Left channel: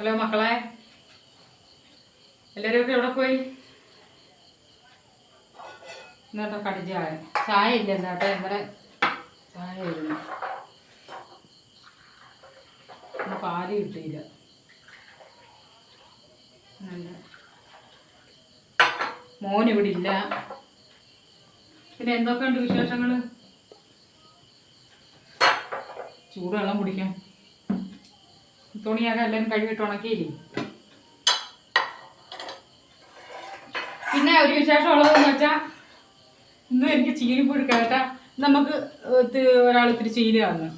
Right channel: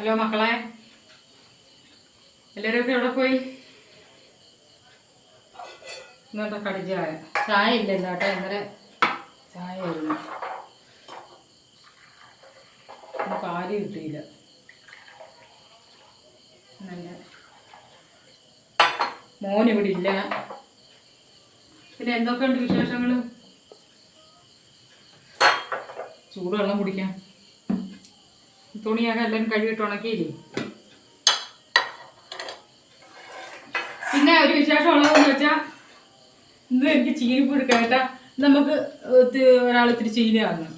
Hello മക്കളെ, എല്ലാവരും എവിടെ പോയി? ഇന്നോട്ടാ കടി ചായ ഇല്ല എന്നാട്ടെ. ഇന്നലെ ചായ വരുന്നു, പാല് കിട്ടിയില്ല. നല്ല മോനിവിടെ ഇല്ല. പിന്നെ എന്തൊക്കെയുണ്ട് വിശേഷങ്ങൾ? ചൂടുവെള്ളം കുടിക്കാൻ തുണിയൊക്കെ എല്ലാവരും കഴുകിയിട്ട് ഉണക്കിയില്ലേ? പിന്നെ ഒരു വിശേഷമുള്ളതെന്ന് വെച്ചാൽ ഇന്നും എനിക്ക് ചീനിപ്പുഴു കേട്ടാൽ നമുക്ക് ഒരാൾ ഇത്തിരി ചീനി തന്നു.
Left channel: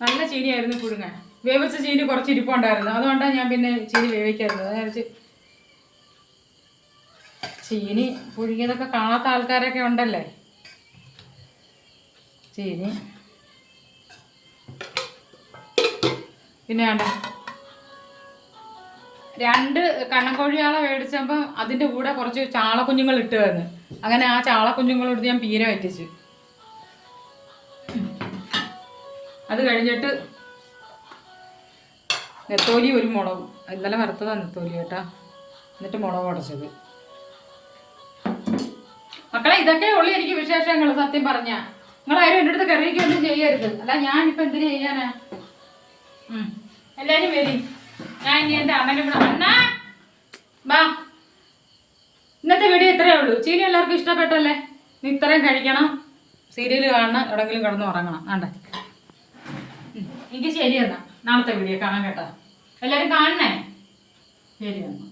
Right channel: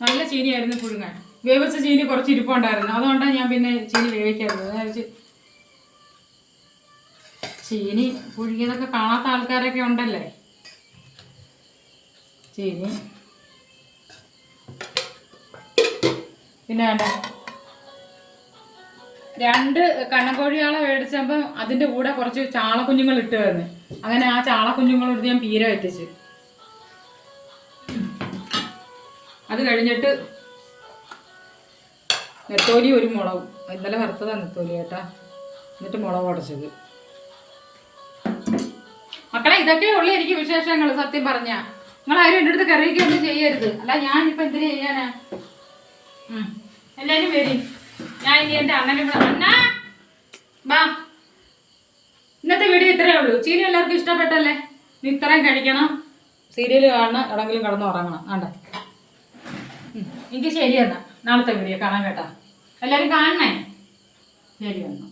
നല്ല ചീനിയായിരുന്നു പുഴുങ്ങാൻ. വേവിച്ച ചീനി കുറച്ച് ഇരിപ്പുണ്ടായിരുന്നു, അതുകൊണ്ടാണ് ഞാൻ പിന്നെ ചീനി വേവിക്കാറുള്ളത്. ഞാൻ വെച്ച് ചീനി പുഴുങ്ങിയതൊക്കെ കാണാത്ത ആൾക്കാരൊക്കെ ഉണ്ടല്ലേ. ചീനി പിന്നെ 2 കണ്ണൻകോഴിയാളെ മേടിച്ചപ്പോൾ അതിൻ്റെ കൂടെ കുറച്ച് ചാളക്കുഞ്ഞുങ്ങൾ ഇട്ട് തന്നു. അങ്ങനെ ആ ചാളക്കുഞ്ഞുങ്ങളെടുത്ത് ഞാൻ പീര വറ്റിച്ചു. അത് കഴിഞ്ഞിട്ട് നെത്തോലി ഒരു മുളകും, ഇന്നലെ വറുത്തതാണ് നെത്തോലി കേട്ടാ. എന്നിട്ട് മുളക് ഉടച്ചത്. മക്കളെ, ഇതൊക്കെ ഉള്ളു എനിക്ക് വിശേഷങ്ങൾ. സത്യം പറഞ്ഞാൽ നിങ്ങളാരും എൻ്റെ അടുത്ത് കറിയൊന്നും ചെയ്യരുത്. അല്ല ഞാനിപ്പോൾ എന്തിനു ചെയ്യാനാ? എല്ലാവരും വരും. ഞാൻ ഇനി എൻ്റെ അണ്ണനും കൂടെ. അണ്ണാ ബാ. ഇന്നത്തെ വീഡിയോ ഇത്രയേ ഉള്ളൂ. ചീനി എല്ലാവർക്കും ഇഷ്ടപ്പെട്ടല്ലേ? നീ ഇത്രയും കഴിക്കണം, സീരിയൽ കാണണം, എവിടെങ്കിലും കിടന്ന് ഉറങ്ങണം. വേണ്ടേ? എനിക്ക് ശരി എന്നാ നാളത്തെ വീഡിയോ കാണാൻ കേട്ടോ. എല്ലാവരും കാണണേ. ശരി എന്നാ.